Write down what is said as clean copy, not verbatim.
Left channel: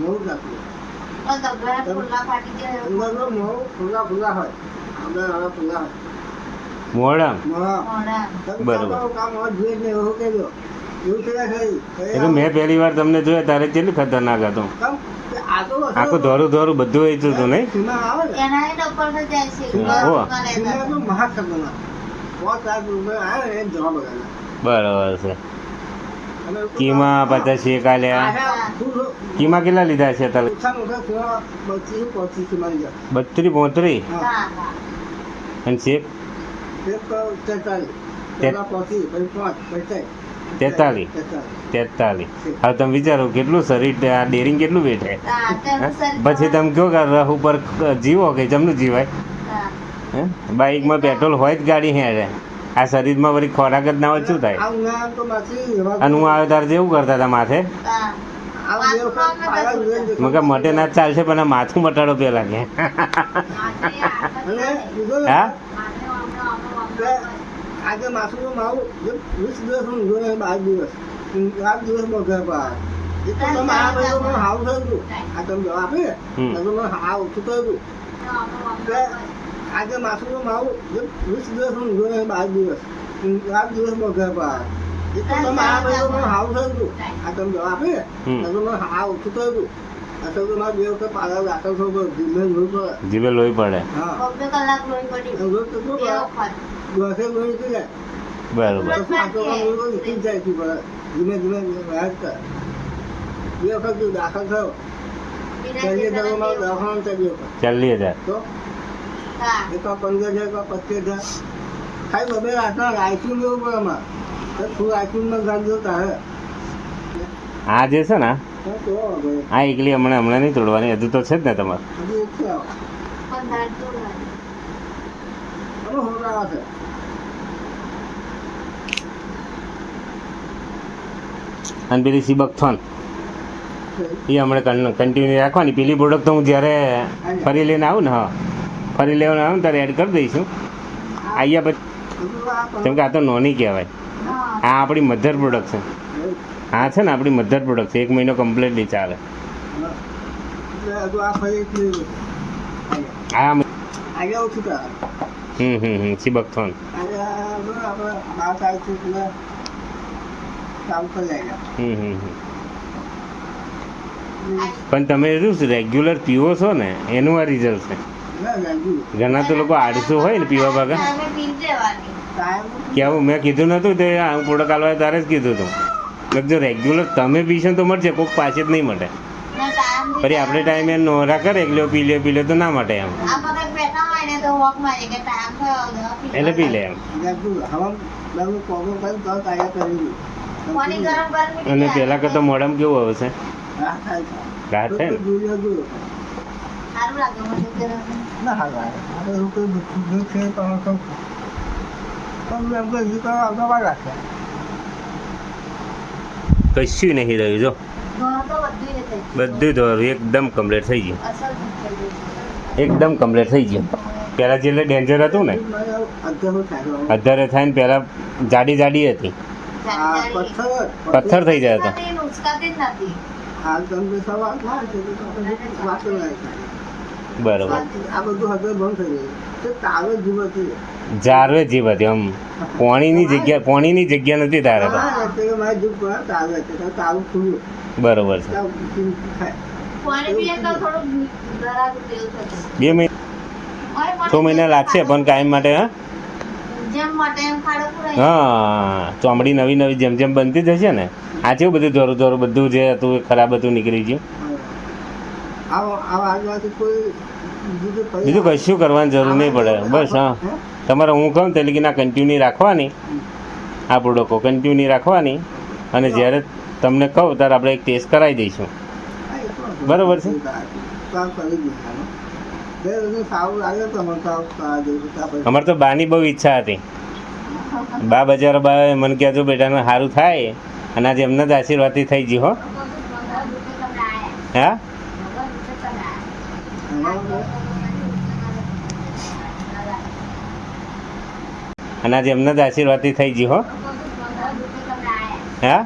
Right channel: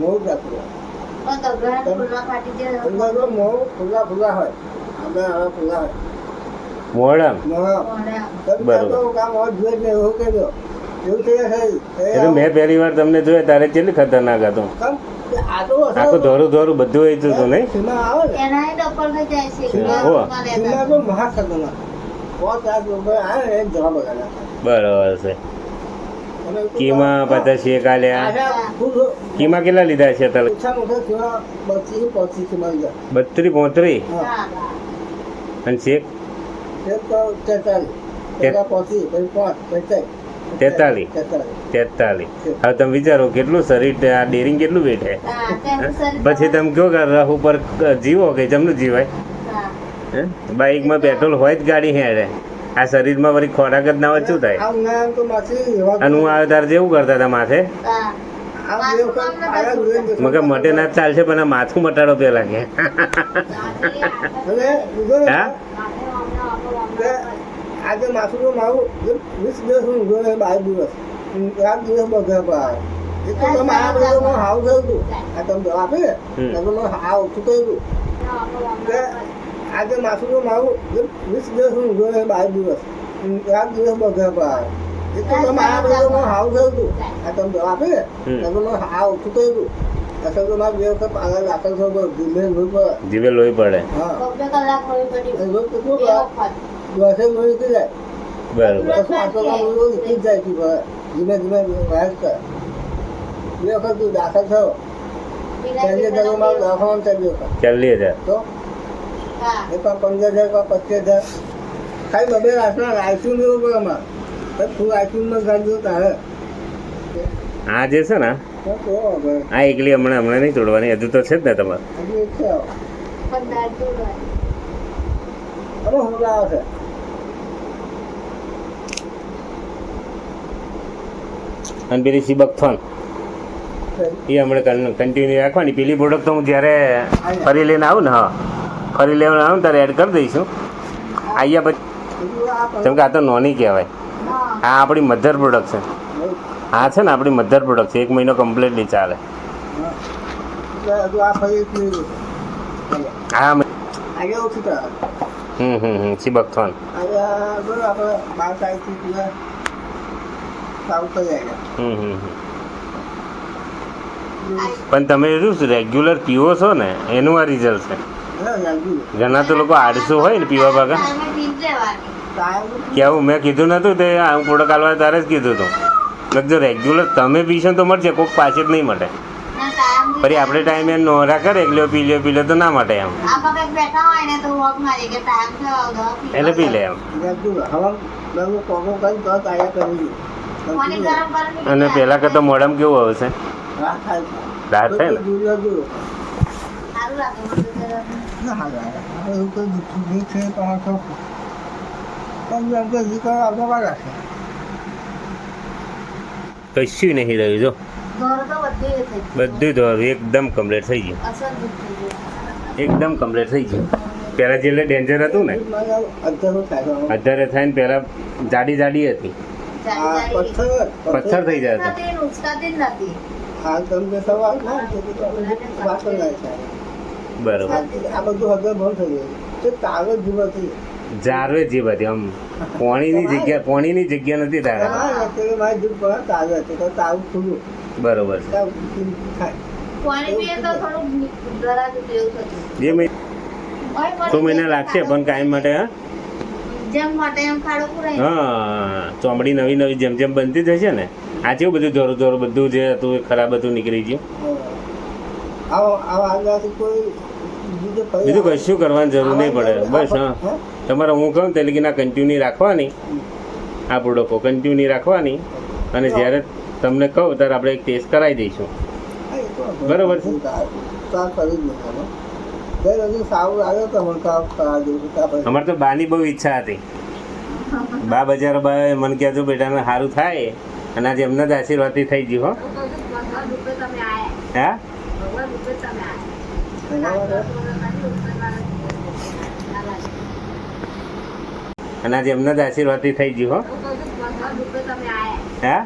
મોં જાતું ફૂલા હોય આપણે હવે ફૂલા હોય મોરમ બરોબર. કામ હોય જોઈએ ને એવું કહેજો એવું થઈ એ તો મેં પહેલી વાર તમને જોયા ત્યારે કેટલી ખતરનાક હતો. આખું ધોરું ધોરું બધું વેચતું હતું નહીં? સીમા આવે ને સીમા તો મહા ખતરનાક 5 લાખ રૂપિયા આવે ને એ જવાબ બગાડે. બરોબર છે. કીમા પછી શેક આલ્યા. કીમા કેટલા લીધા છે તમે? ઓછામાં ઓછા સીમા 32-35 સીમા લીધા. 32-35 હા અને શેક એક 43 પેલા 35 પછી 5 પછી 43. હવે તમે વિચારો કેટલું શરીર આ ડેરિંગ કેટલું બેઠે. પછી તમે કયો કે રહ ઉપર જીવો કે જમનું જીવાય. બાઇકમાં પેટ્રોલ હોય જ ગાડી હેડે. આ શરીરમાં વળી ખોરાક જ ના હોય શું થાય? અને હું આવ્યો ત્યારે જેવું કરતા હતા માથે મગર મટે ના ચાલશે પણ આ માથું મટાડો પેલા કે હા આજે માથું તો મારું 20 દિવસ હું ઊંઘ્યો નહીં, 12 દિવસ 7 દિવસ બગડે પાર એ તો તમે આ બધું મને હાવ થયું હતું. આ તમે દવા આપી ને તો મને હાવ ઓછું થયું હતું કે આજે માથું તો મારું 20 દિવસ હું ઊંઘ્યો નહીં, 12 દિવસ 7 દિવસ બગડે પાર એ તો તમે આ બધું મને હાવ થયું હતું. આ તમે દવા આપી ને તો મને હાવ ઓછું થયું હતું. અસલ તો મારે 2 વખત પાછા દાખલ થવું પડે, જીવે લોહી પડે. હા બરોબર. ધીમે ધીમે વ્યાજ કર. 2 વખત તું દાખલ થયો મારો દવાખાનો છે 2 વખત 40,000 તો એકવાર 15,000 એકવાર 25,000 ખાલી 2 રાતના આઈસ્ક્રીમ લેવું પડે અમારે ફૂલ આઈસ્ક્રીમમાં ગાંધો તારે આ જે છે ને આ એકલી હમણાં નહીં તોડવાની હજુ તો છે જ ને તમારે. હજુ એક છે હવે હોરા છે. અને પેલી સિબકથોન એ હમણાં કન્ટિન્યુ રાખવાની. પેલી પ્રોડક્ટ તો હું જ્યારે ફરી લઈને આવું ને ફરી લેવાનું આવું ત્યારે એડ કરી દઈશું. અહીંયા પછી કેમ કે આ તો નોની કહેવાય. આ આપણી મધર પ્રોડક્ટ છે. આ છે ને આપણી મધર પ્રોડક્ટ છે. 1 મહિનો કમ્પ્લીટલી ચાલે. હા આજે ઓછું થાય. સિબકથોન આજે આપણે 12 તારીખથી સારું થઈ જાય. પણ તમે શું રેગ્યુલર પીવો છો ને એનું આ રિઝલ્ટ છે. ઘણા તો લોકો આળસુ હોય ને પીવા ભાગા કેવું મેં કીધું નતું તે હું પ્રોડક્ટ આલવા તારે જ કીધું હતું. જો રેગ્યુલર તમે પીશો તો મળશે, કોઈક પાસે જ નહીં મળે. પછી આપણે ટાઈમે નોરા કરે એકલો પી લે તો ના માટે એમ એટલે પી લે એમ. અને પેલા કરતા મોઢામાં કેવું આવે છે? રાહત થાય ને? કશું નહીં રહ્યું જો બધું દોરું એકદમ કમ્પ્લીટ થઈ ગયું. એકદમ કમ્પ્લીટ થઈ ગયું. પહેલાં જે ડેન્જર હતું ને અત્યારે થાય ને પહેલાં જાડી હતી પથ્થર થઈ જાય હતા. બરોબર. આ બધું હવે બંધ થઈ ગયું. તાવે જીવ હતી જારવે જીવ હતી આમ પોણીની જગ્યા નથી તારે. બરોબર છે. 2 મહિના લાગશે પણ કાયમ માટે. હા ચોમડી નવી જેમ બનતી જશે ને. આ કેવું બધું ધોરું બધું જે હતું એ ખરાબ હતું નીકળી ગયું. બીજું કશું કરવાની જરૂર નહીં પડે. બસ હા તમારે હું કહું તે લગી ના કન્ટિન્યુ રાખવાની. આ પ્રોડક્ટો કન્ટિન્યુ રાખવાની અને જ્યારે તમને કહું ત્યારે આપણે એક ટેસ્ટ કરાવી દઈશું. બરોબર છે. અમારે તો બાની બહુ ઈચ્છા હતી. બા બજાર બા મને કહેજો બેટાને સારું થાય અને આજે એમના જ આશીર્વાદથી થઈ ગયું. હો હા અને આજે એમના જ આશીર્વાદથી થઈ ગયું. હો હા